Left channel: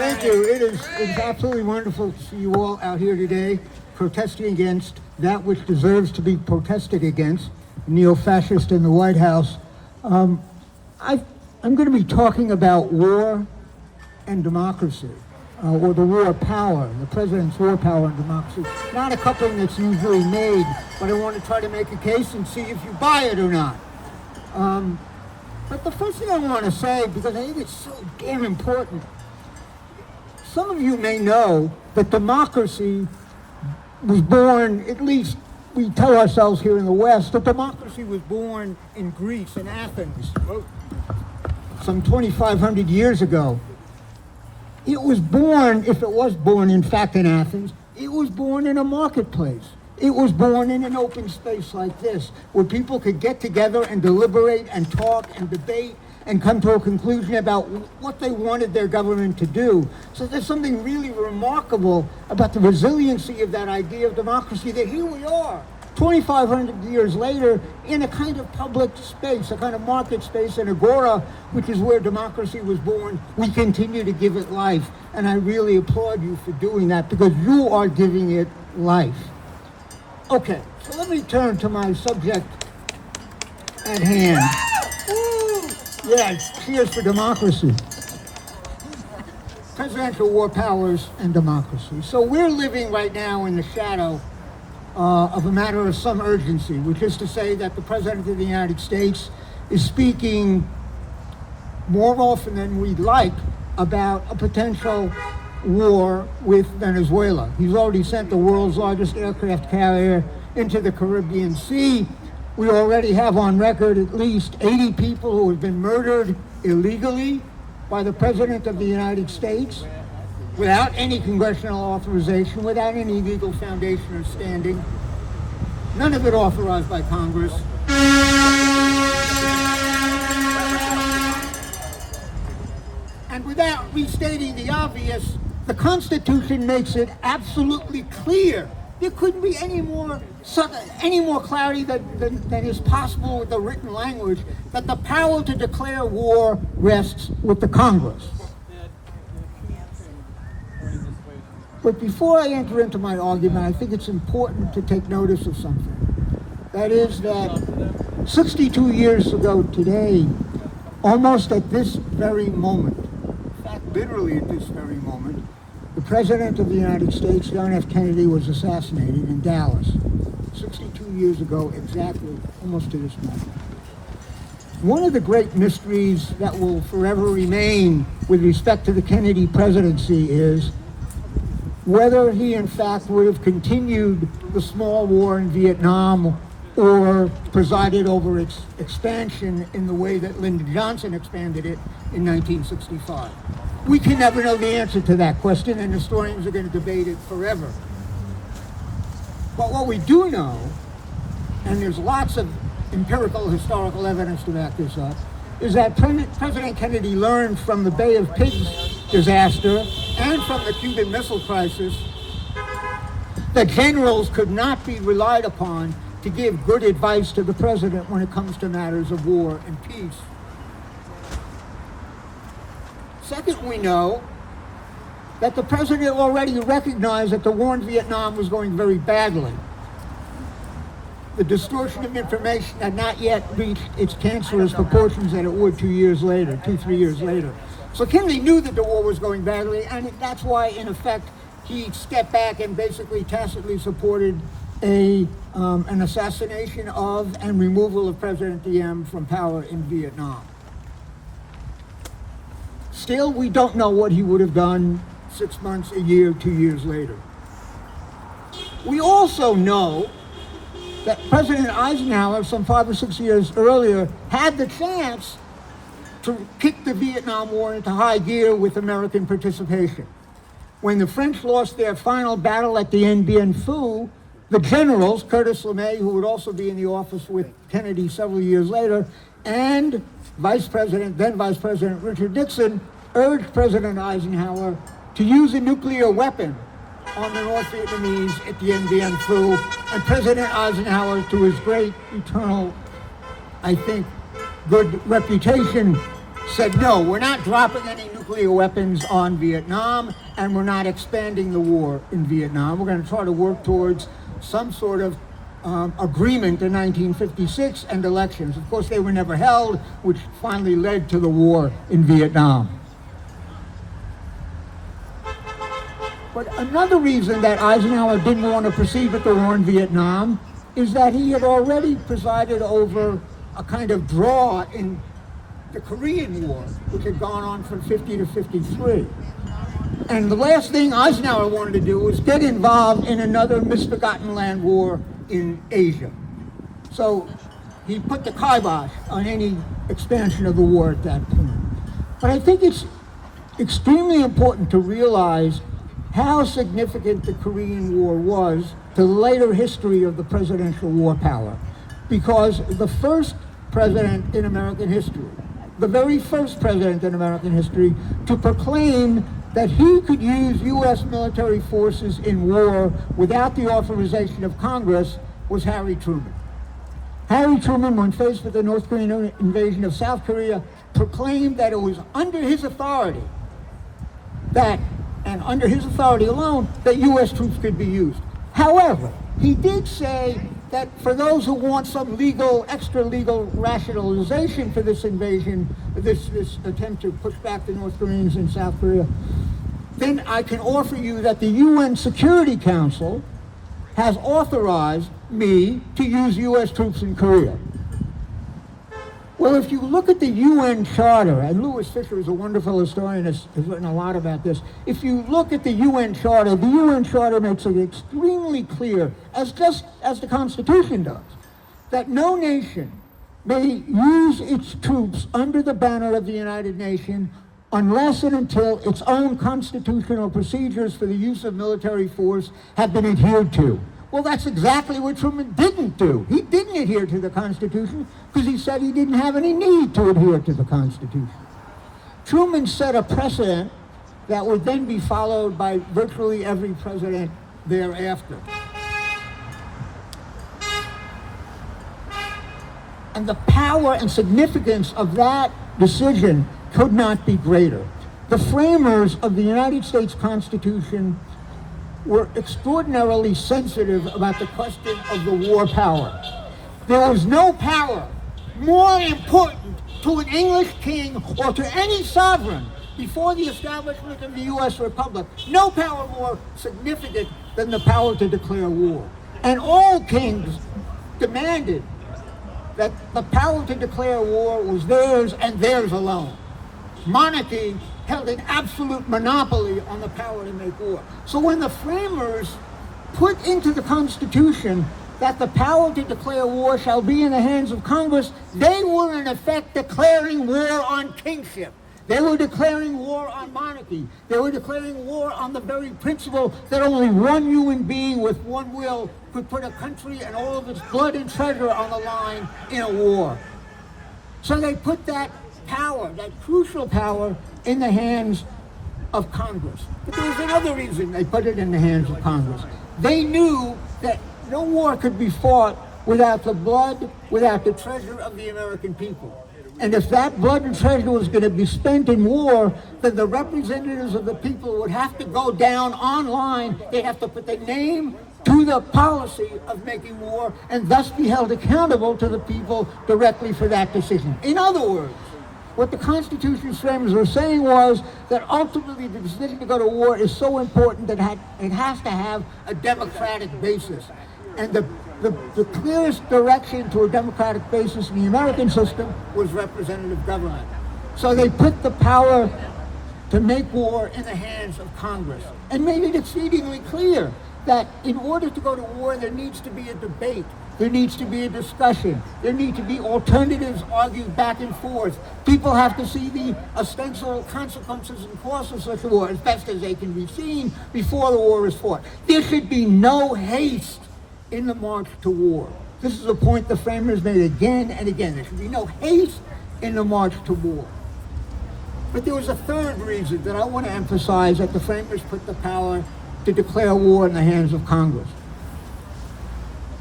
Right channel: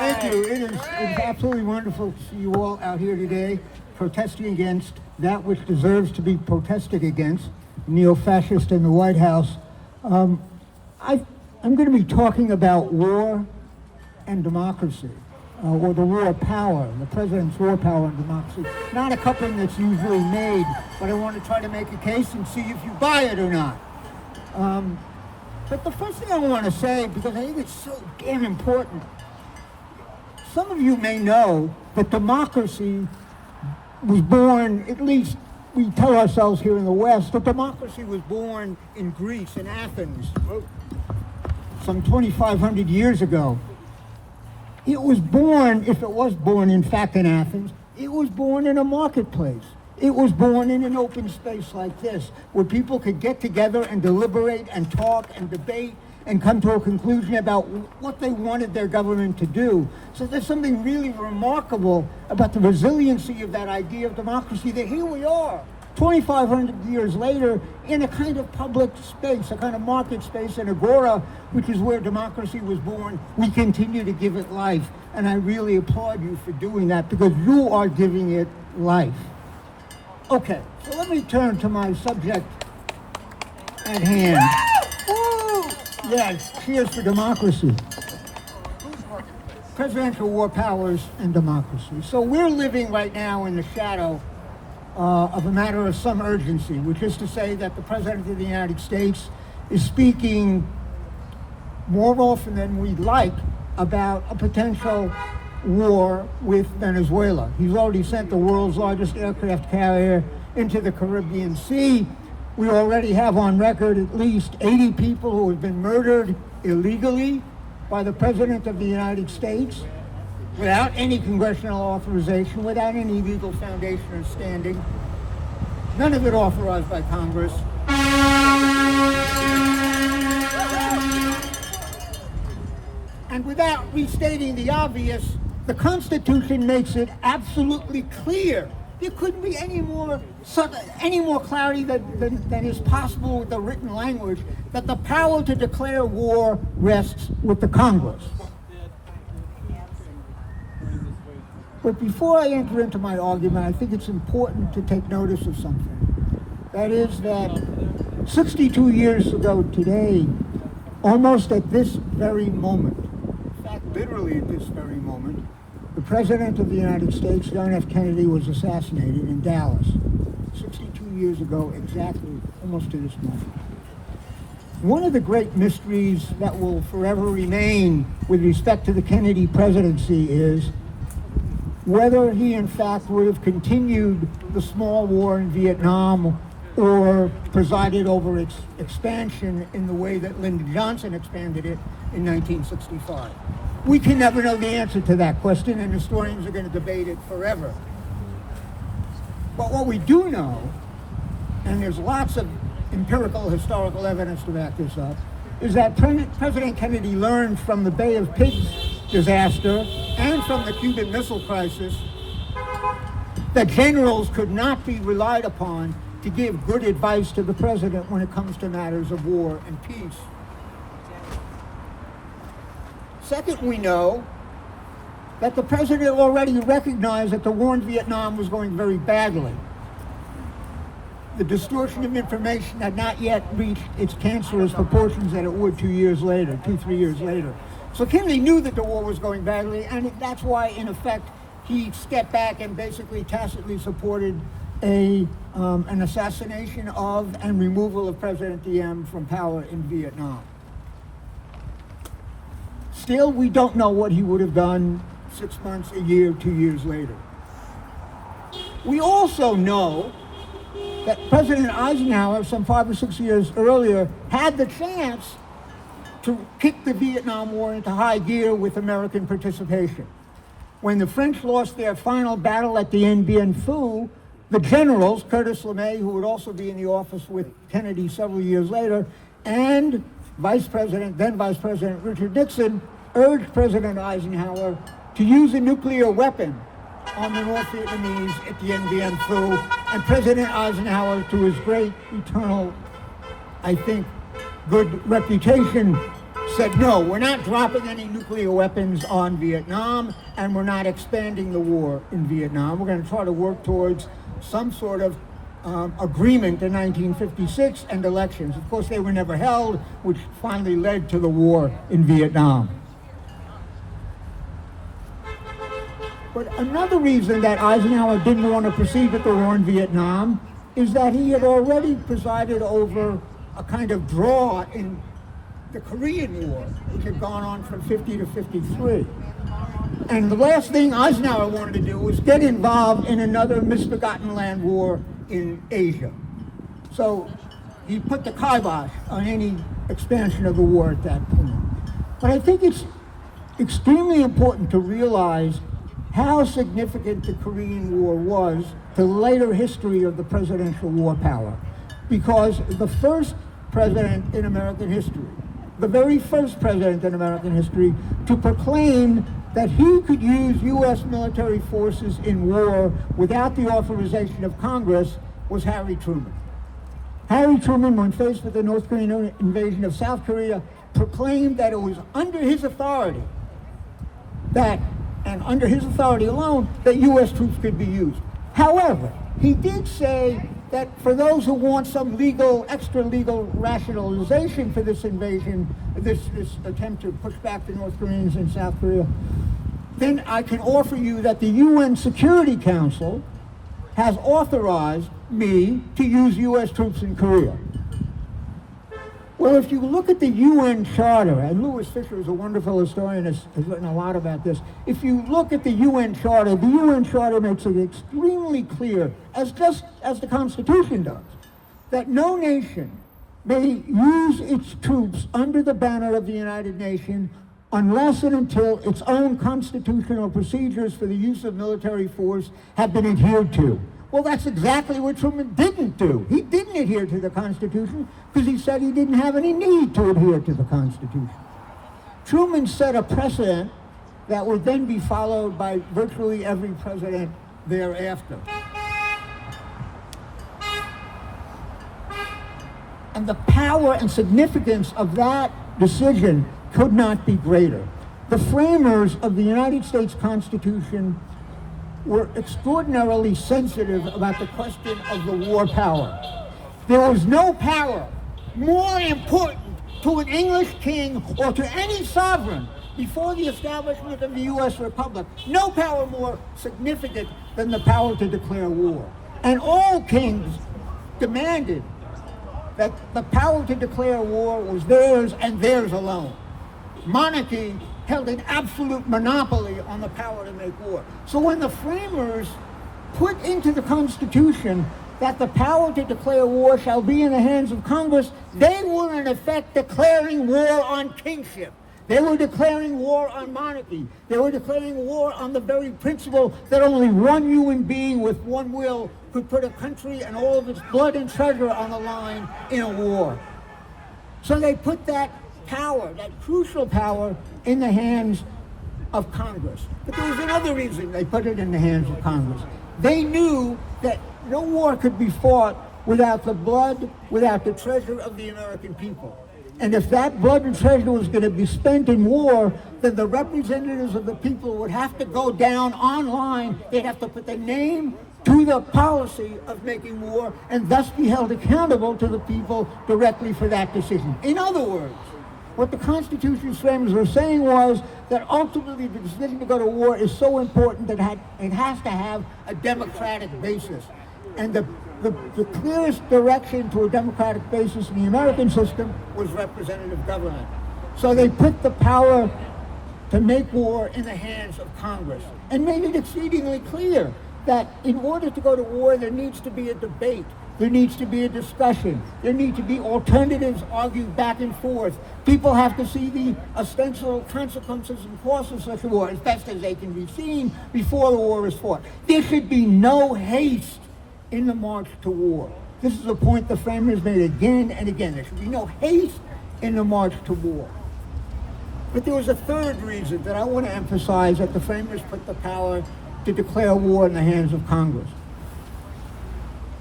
Thank you. It's absolutely wonderful to see you all out here today protesting against that which deserves to be protested against, neo-fascist in the White House. I'm going to be talking about war and democracy, or the war power, the president's war power and democracy. Not a coupling that's usually made, but I want to try to make a case and see if you buy it or not. But the first thing I want to say, because I think it's so damn important, some of you may know that democracy was born, at least we tell ourselves here in the West, that democracy was born in Greece, in Athens, some 2,500 years ago. It was born, if it was born in fact in Athens, it was born in a marketplace. It was born in an open space like this, where people could get together and deliberate and talk and debate and come to a conclusion about what they wanted their government to do. So there's something really remarkable about the resiliency of that idea of democracy, that here we are, 2,500 years later, in a kind of public space, a kind of market space, an agora, which is where democracy was born. We continue to give it life, and I really applaud you for doing that, because you are giving it life. Okay, so let me turn to my subject at hand. Yes, cheers for democracy. Presidential war powers and democracy. So we're living right now in the shadow of a matter of some urgency, which is to say that the President of the United States is speaking more often than we'd like about a potential war with Venezuela. He's already sent the world's largest aircraft carrier into the Caribbean Sea. We already have on record at least 80 people who have been murdered illegally by the President of the United States without any congressional authorization, without any legal foundation or standing. None of it authorized by Congress. And without restating the obvious, the Constitution makes it absolutely clear. There couldn't be any more clarity than is possible with the written language, that the power to declare war rests with the Congress. But before I enter into my argument, I think it's important to take notice of something. That is that 62 years ago today, almost at this very moment, in fact, literally at this very moment, the President of the United States, John F. Kennedy, was assassinated in Dallas 62 years ago exactly, almost to this moment. One of the great mysteries that will forever remain with respect to the Kennedy presidency is whether he in fact would have continued the small war in Vietnam or presided over its expansion in the way that Lyndon Johnson expanded it in 1965. We can never know the answer to that question, and historians are going to debate it forever. But what we do know, and there's lots of empirical historical evidence to back this up, is that President Kennedy learned from the Bay of Pigs disaster and from the Cuban Missile Crisis that generals could not be relied upon to give good advice to the president when it comes to matters of war and peace. Second, we know that the president already recognized that the war in Vietnam was going very badly. The distortion of information had not yet reached its cancerous proportions that it would 3 years later. So Kennedy knew that the war was going badly, and that's why, in effect, he stepped back and basically tacitly supported an assassination of and removal of President Diem from power in Vietnam. Still, we don't know what he would have done 6 months, a year, 2 years later. We also know that President Eisenhower, some 5 or 6 years earlier, had the chance to kick the Vietnam War into high gear with American participation. When the French lost their final battle at the Dien Phu, the generals, Curtis LeMay, who would also be in the office with Kennedy several years later, and then Vice President Richard Nixon, urged President Eisenhower to use a nuclear weapon on the North Vietnamese at the Dien Phu, and President Eisenhower, to his great eternal, I think, good reputation, said, no, we're not dropping any nuclear weapons on Vietnam, and we're not expanding the war in Vietnam. We're going to try to work towards some sort of agreement in 1956 and elections. Of course, they were never held, which finally led to the war in Vietnam. But another reason that Eisenhower didn't want to proceed with the war in Vietnam is that he had already presided over a kind of draw in the Korean War, which had gone on from 50 to 53. And the last thing Eisenhower wanted to do was get involved in another misbegotten land war in Asia. So he put the kibosh on any expansion of the war at that point. But I think it's extremely important to realize how significant the Korean War was to the later history of the presidential war power. Because the first president in American history, the very first president in American history to proclaim that he could use U.S. military forces in war without the authorization of Congress was Harry Truman. Harry Truman, when faced with the North Korean invasion of South Korea, proclaimed that it was under his authority and under his authority alone, that U.S. troops could be used. However, he did say that for those who want some legal, extra-legal rationalization for this invasion, this attempt to push back the North Koreans in South Korea, then I can offer you that the UN Security Council has authorized me to use U.S. troops in Korea. Well, if you look at the UN Charter, and Louis Fisher is a wonderful historian, has written a lot about this. If you look at the UN Charter makes it extremely clear, just as the Constitution does, that no nation may use its troops under the banner of the United Nations unless and until its own constitutional procedures for the use of military force have been adhered to. Well, that's exactly what Truman didn't do. He didn't adhere to the Constitution because he said he didn't have any need to adhere to the Constitution. Truman set a precedent that would then be followed by virtually every president thereafter. And the power and significance of that decision could not be greater. The framers of the United States Constitution were extraordinarily sensitive about the question of the war power. There was no power more important to an English king or to any sovereign before the establishment of the U.S. Republic, no power more significant than the power to declare war. And all kings demanded that the power to declare war was theirs and theirs alone. Monarchy held an absolute monopoly on the power to make war. So when the framers put into the Constitution that the power to declare war shall be in the hands of Congress, they were in effect declaring war on kingship. They were declaring war on monarchy. They were declaring war on the very principle that only one human being with one will could put a country and all of its blood and treasure on the line in a war. So they put that power, that crucial power, in the hands of Congress. But there was another reason they put it in the hands of Congress. They knew that no war could be fought without the blood, without the treasure of the American people. And if that blood and treasure was going to be spent in war, then the representatives of the people would have to go down online. They'd have to put their name to the policy of making war and thus be held accountable to the people directly for that decision. In other words, what the Constitution's framers were saying was that ultimately the decision to go to war is so important that it has to have a democratic basis. And the clearest direction to a democratic basis in the American system was representative government. So they put the power to make war in the hands of Congress and made it exceedingly clear that in order to go to war, there needs to be a debate. There needs to be a discussion. There need to be alternatives argued back and forth. People have to see the ostensible consequences and costs of such a war as best as they can be seen before the war is fought. There should be no haste in the march to war. This is a point the framers made again and again. There should be no haste in the march to war. But there was a third reason that I want to emphasize that the framers put the power to declare war in the hands of Congress.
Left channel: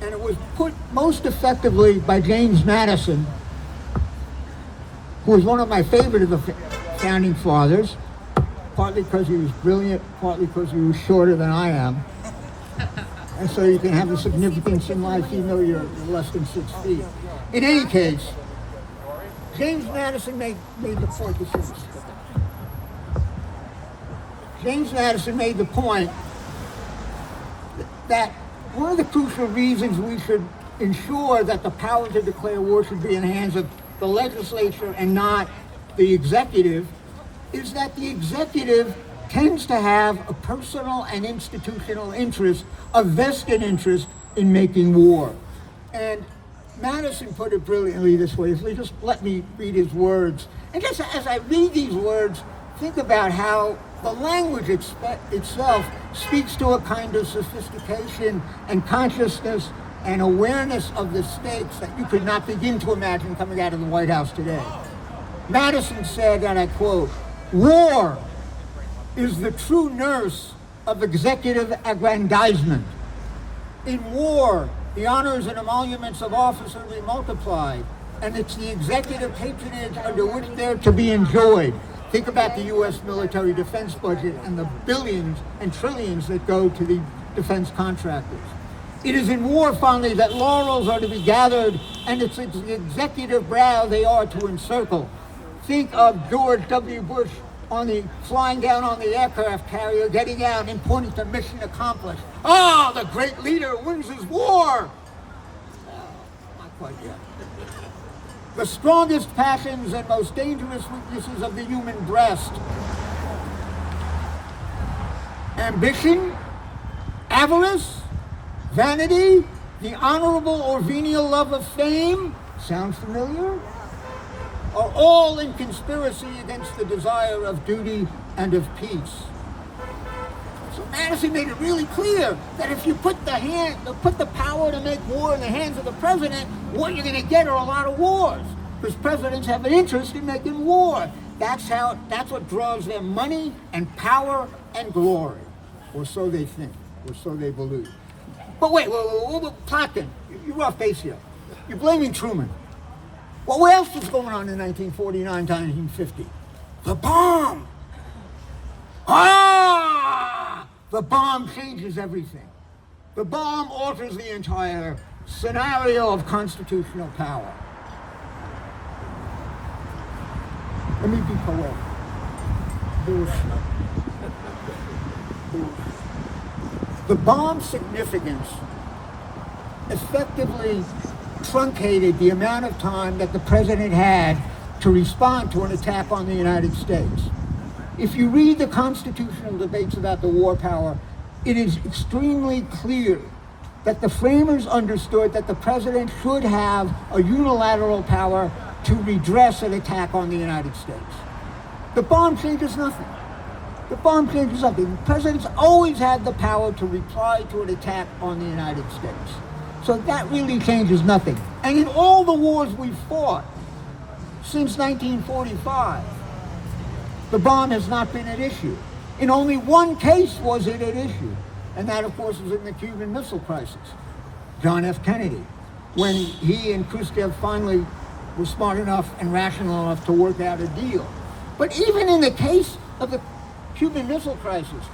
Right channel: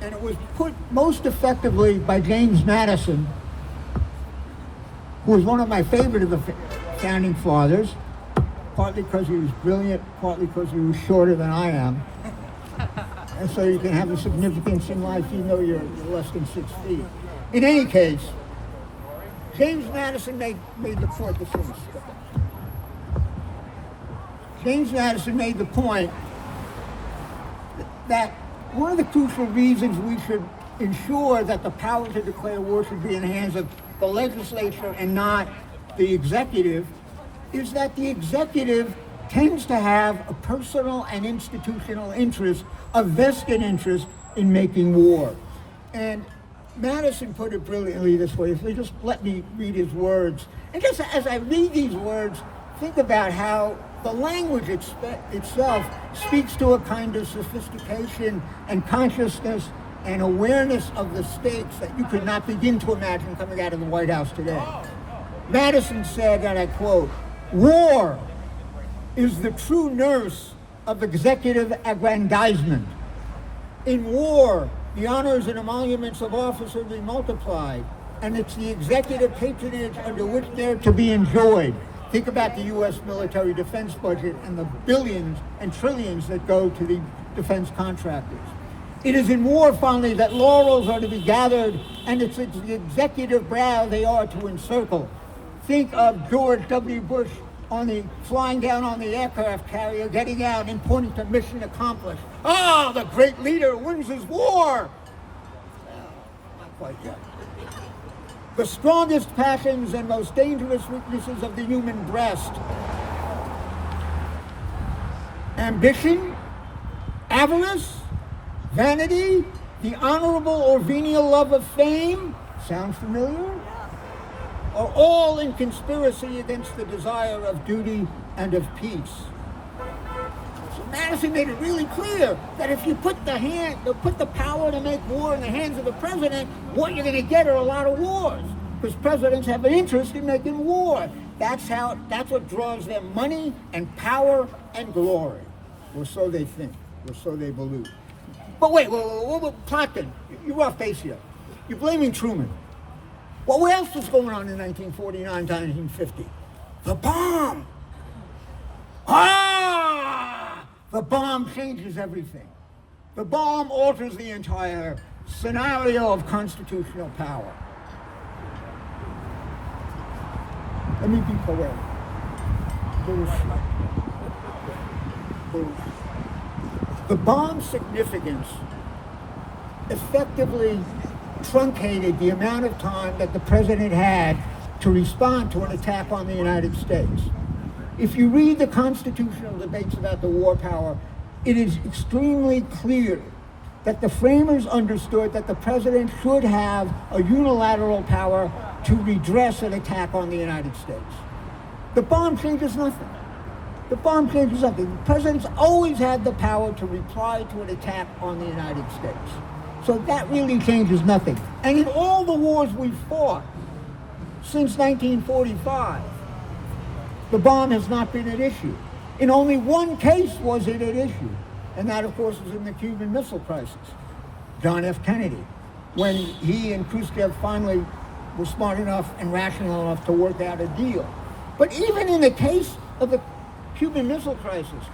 And it was put most effectively by James Madison who was one of my favorite of the founding fathers, partly because he was brilliant, partly because he was shorter than I am. And so you can have a significance in life even though you're less than 6 feet. In any case, James Madison made the point, James Madison made the point that one of the crucial reasons we should ensure that the power to declare war should be in the hands of the legislature and not the executive is that the executive tends to have a personal and institutional interest, a vested interest in making war. And Madison put it brilliantly this way, if you just let me read his words. And just as I read these words, think about how the language itself speaks to a kind of sophistication and consciousness and awareness of the stakes that you could not begin to imagine coming out of the White House today. Madison said, and I quote, "War is the true nurse of executive aggrandizement. In war, the honors and emoluments of officers are multiplied, and it's the executive patronage under which they're to be enjoyed." Think about the U.S. military defense budget and the billions and trillions that go to the defense contractors. It is in war, finally, that laurels are to be gathered, and it's the executive brow they are to encircle. Think of George W. Bush flying down on the aircraft carrier, getting out and pointing to mission accomplished. Oh, the great leader wins his war! Not quite yet. The strongest passions and most dangerous weaknesses of the human breast. Ambition, avarice, vanity, the honorable or venial love of fame, sounds familiar? Are all in conspiracy against the desire of duty and of peace. So Madison made it really clear that if you put the power to make war in the hands of the president, what you're going to get are a lot of wars, because presidents have an interest in making war. That's what draws them money and power and glory, or so they think, or so they believe. But wait, Plotkin, you're off base here. You're blaming Truman. Well, what else was going on in 1949 to 1950? The bomb! The bomb changes everything. The bomb alters the entire scenario of constitutional power. Let me be poetic. Bullshit. The bomb's significance effectively truncated the amount of time that the president had to respond to an attack on the United States. If you read the constitutional debates about the war power, it is extremely clear that the framers understood that the president should have a unilateral power to redress an attack on the United States. The bomb changes nothing. The bomb changes nothing. The president's always had the power to reply to an attack on the United States. So that really changes nothing. And in all the wars we've fought since 1945, the bomb has not been an issue. In only one case was it an issue, and that, of course, was in the Cuban Missile Crisis. John F. Kennedy, when he and Khrushchev finally were smart enough and rational enough to work out a deal. But even in the case of the Cuban Missile Crisis,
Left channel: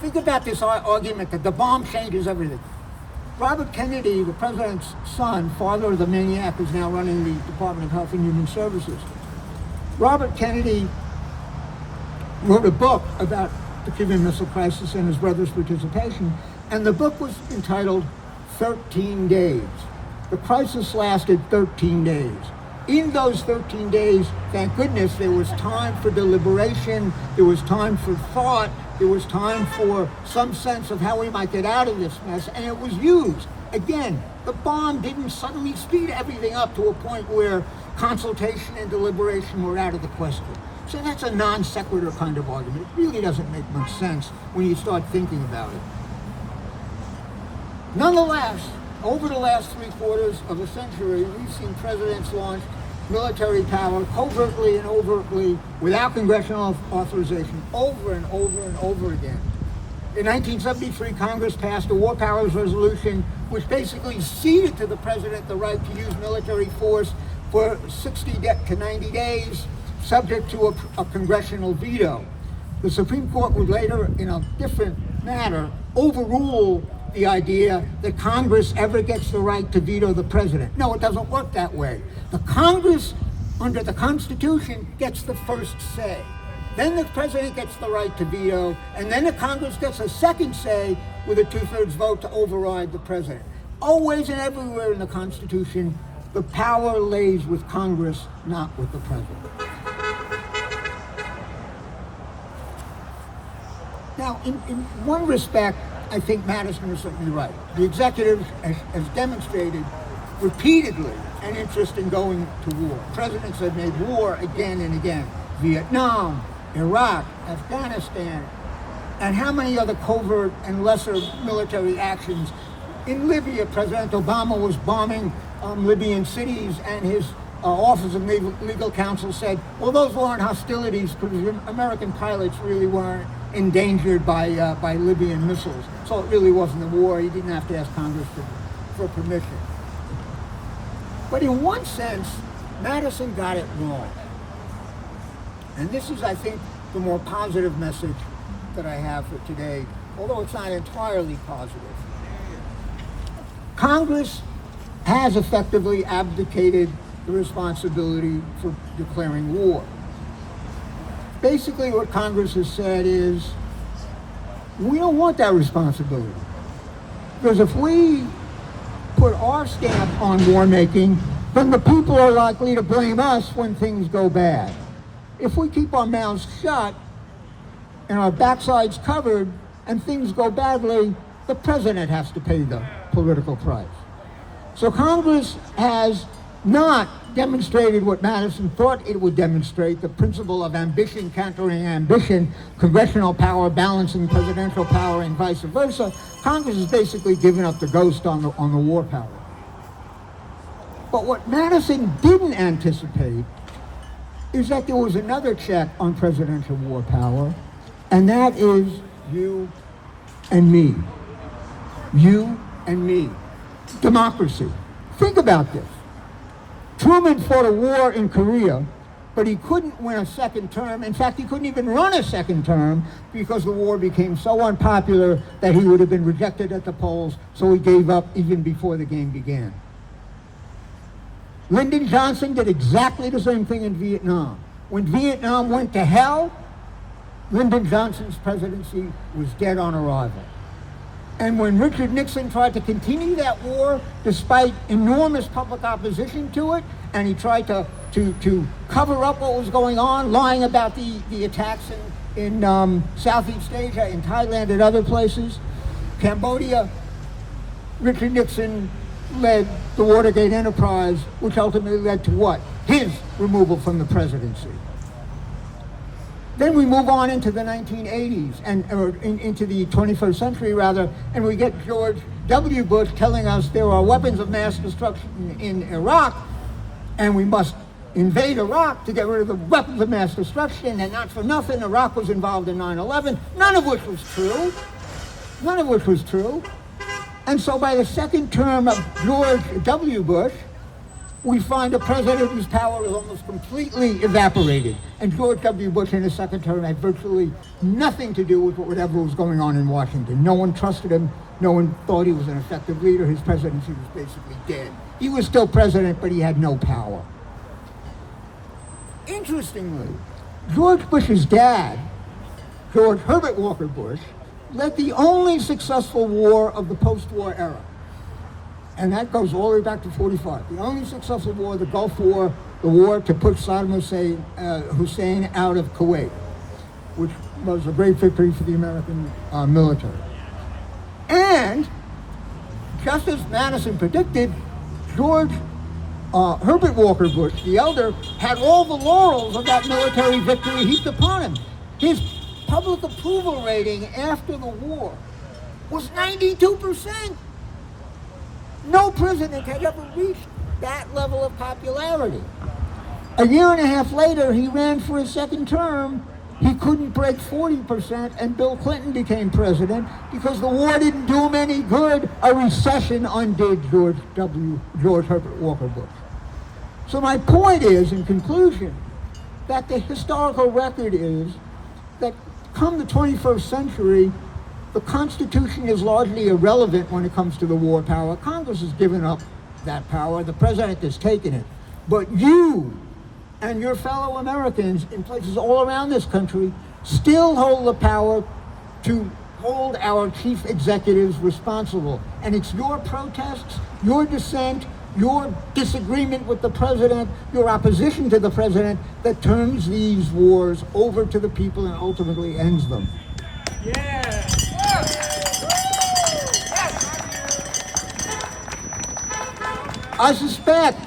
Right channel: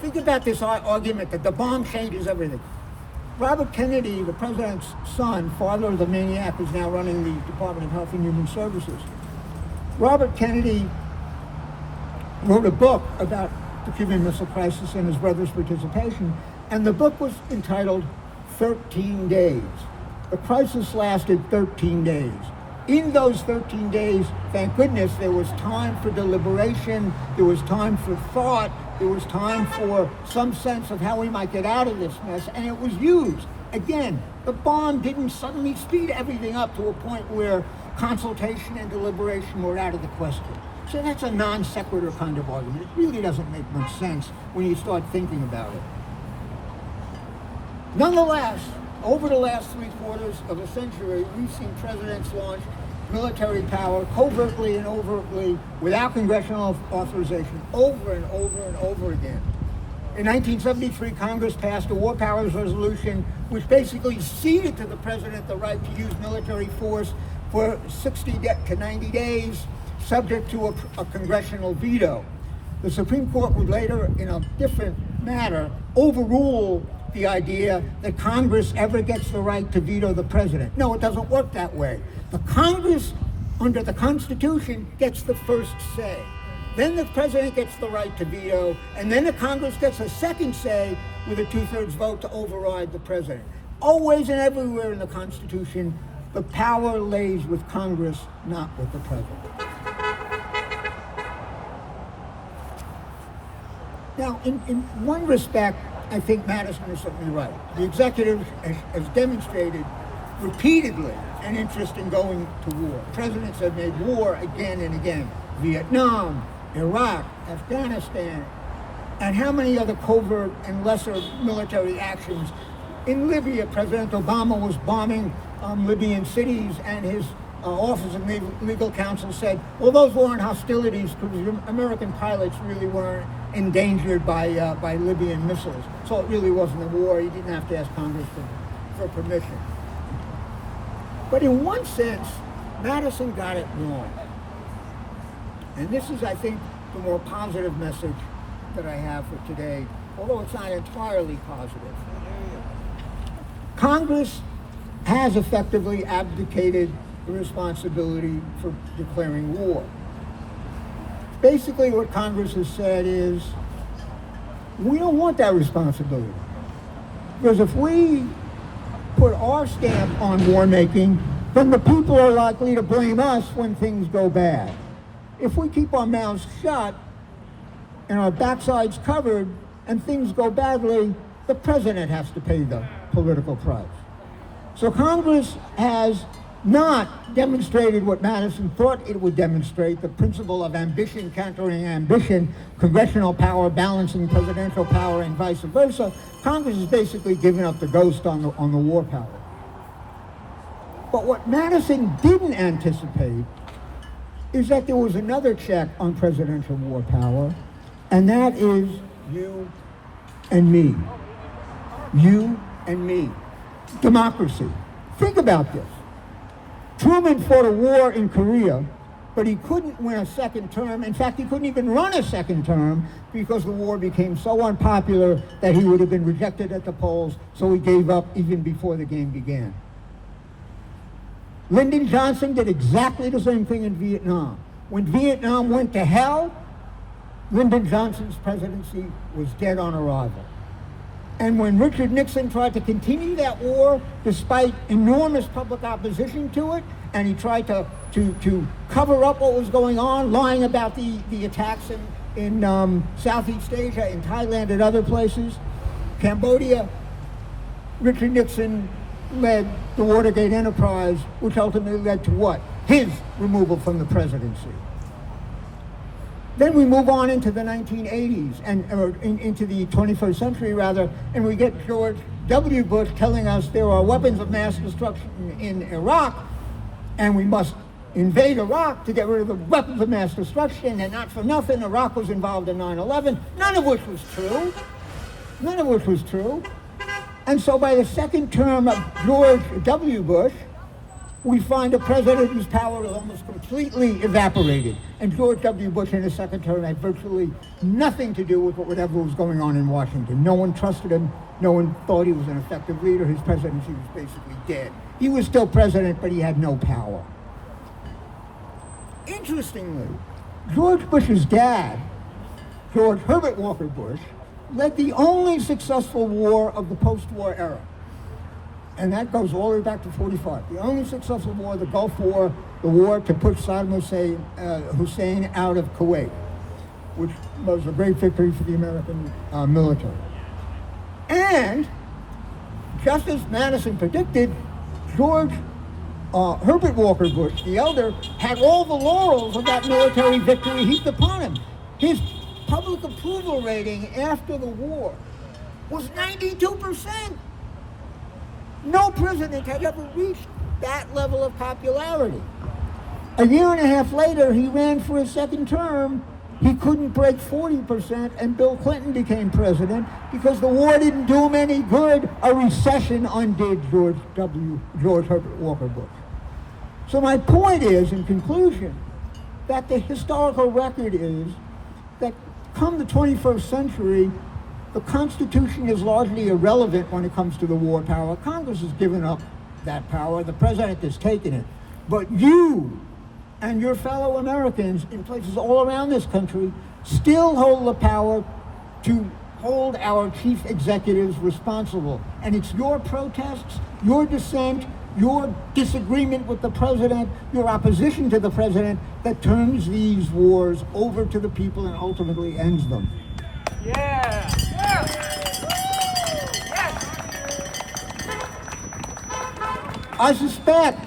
think about this argument that the bomb changes everything. Robert Kennedy, the president's son, father of the maniac who's now running the Department of Health and Human Services, Robert Kennedy wrote a book about the Cuban Missile Crisis and his brother's participation, and the book was entitled 13 Days. The crisis lasted 13 days. In those 13 days, thank goodness, there was time for deliberation, there was time for thought, there was time for some sense of how we might get out of this mess, and it was used. Again, the bomb didn't suddenly speed everything up to a point where consultation and deliberation were out of the question. So that's a non sequitur kind of argument. It really doesn't make much sense when you start thinking about it. Nonetheless, over the last 3/4 of a century, we've seen presidents launch military power covertly and overtly without congressional authorization over and over and over again. In 1973, Congress passed a War Powers Resolution, which basically ceded to the president the right to use military force for 60 to 90 days, subject to a congressional veto. The Supreme Court would later, in a different manner, overrule the idea that Congress ever gets the right to veto the president. No, it doesn't work that way. The Congress, under the Constitution, gets the first say. Then the president gets the right to veto, and then the Congress gets a second say with a 2/3 vote to override the president. Always and everywhere in the Constitution, the power lays with Congress, not with the president. Now, in one respect, I think Madison is certainly right. The executive has demonstrated repeatedly an interest in going to war. Presidents have made war again and again. Vietnam, Iraq, Afghanistan, and how many other covert and lesser military actions. In Libya, President Obama was bombing Libyan cities, and his Office of Legal Counsel said, well, those weren't hostilities because American pilots really weren't endangered by Libyan missiles. So it really wasn't a war. He didn't have to ask Congress for permission. But in one sense, Madison got it wrong. And this is, I think, the more positive message that I have for today, although it's not entirely positive. Congress has effectively abdicated the responsibility for declaring war. Basically, what Congress has said is, we don't want that responsibility. Because if we put our stamp on war making, then the people are likely to blame us when things go bad. If we keep our mouths shut and our backsides covered and things go badly, the president has to pay the political price. So Congress has not demonstrated what Madison thought it would demonstrate, the principle of ambition countering ambition, congressional power balancing presidential power, and vice versa. Congress has basically given up the ghost on the war power. But what Madison didn't anticipate is that there was another check on presidential war power, and that is you and me. You and me. Democracy. Think about this. Truman fought a war in Korea, but he couldn't win a second term. In fact, he couldn't even run a second term because the war became so unpopular that he would have been rejected at the polls, so he gave up even before the game began. Lyndon Johnson did exactly the same thing in Vietnam. When Vietnam went to hell, Lyndon Johnson's presidency was dead on arrival. And when Richard Nixon tried to continue that war, despite enormous public opposition to it, and he tried to cover up what was going on, lying about the attacks in Southeast Asia, in Thailand and other places, Cambodia, Richard Nixon led the Watergate enterprise, which ultimately led to what? His removal from the presidency. Then we move on into the 1980s, or into the 21st century rather, and we get George W. Bush telling us there are weapons of mass destruction in Iraq, and we must invade Iraq to get rid of the weapons of mass destruction, and not for nothing, Iraq was involved in 9/11, none of which was true. None of which was true. And so by the second term of George W. Bush, we find a president whose power was almost completely evaporated. And George W. Bush in his second term had virtually nothing to do with whatever was going on in Washington. No one trusted him. No one thought he was an effective leader. His presidency was basically dead. He was still president, but he had no power. Interestingly, George Bush's dad, George Herbert Walker Bush, led the only successful war of the post-war era. And that goes all the way back to 45. The only successful war, the Gulf War, the war to push Saddam Hussein out of Kuwait, which was a great victory for the American military. And, just as Madison predicted, George Herbert Walker Bush, the elder, had all the laurels of that military victory heaped upon him. His public approval rating after the war was 92%. No president had ever reached that level of popularity. A year and a half later, he ran for his second term. He couldn't break 40%, and Bill Clinton became president because the war didn't do him any good. A recession undid George Herbert Walker Bush. So my point is, in conclusion, that the historical record is that come the 21st century, the Constitution is largely irrelevant when it comes to the war power. Congress has given up that power. The president has taken it. But you and your fellow Americans in places all around this country still hold the power to hold our chief executives responsible. And it's your protests, your dissent, your disagreement with the president, your opposition to the president that turns these wars over to the people and ultimately ends them. Yeah. I suspect,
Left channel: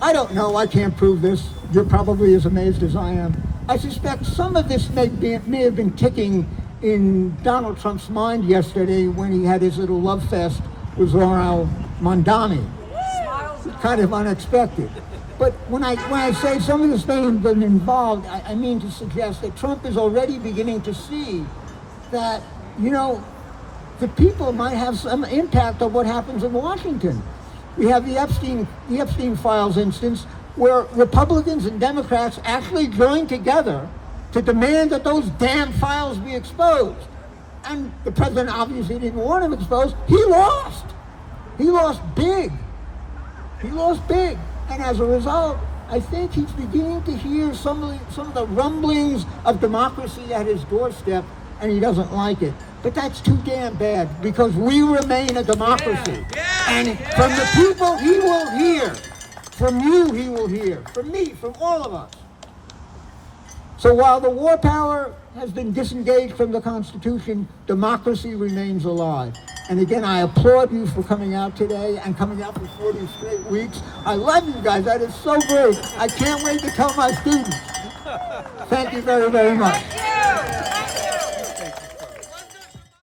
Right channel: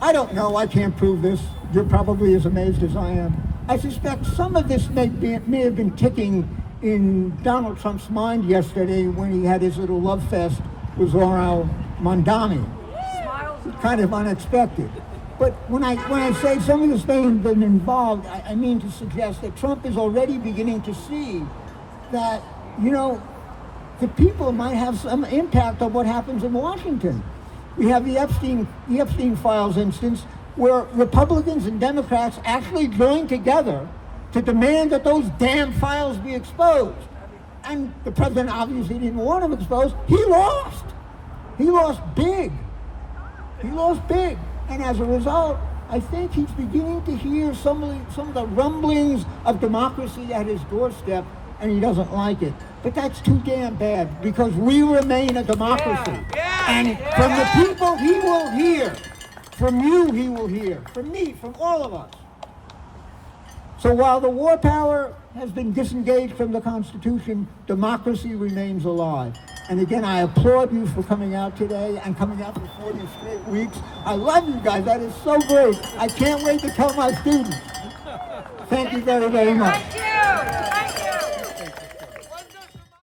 I don't know, I can't prove this, you're probably as amazed as I am. I suspect some of this may have been ticking in Donald Trump's mind yesterday when he had his little love fest with Zora Mondani. Kind of unexpected. But when I say some of this may have been involved, I mean to suggest that Trump is already beginning to see that, you know, the people might have some impact on what happens in Washington. We have the Epstein Files instance where Republicans and Democrats actually joined together to demand that those damn files be exposed. And the president obviously didn't want them exposed. He lost. He lost big. He lost big. And as a result, I think he's beginning to hear some of the rumblings of democracy at his doorstep, and he doesn't like it. But that's too damn bad, because we remain a democracy. And from the people, he will hear. From you, he will hear. From me, from all of us. So while the war power has been disengaged from the Constitution, democracy remains alive. And again, I applaud you for coming out today and coming out for 40 straight weeks. I love you guys. That is so great. I can't wait to tell my students. Thank you very, very much. Thank you.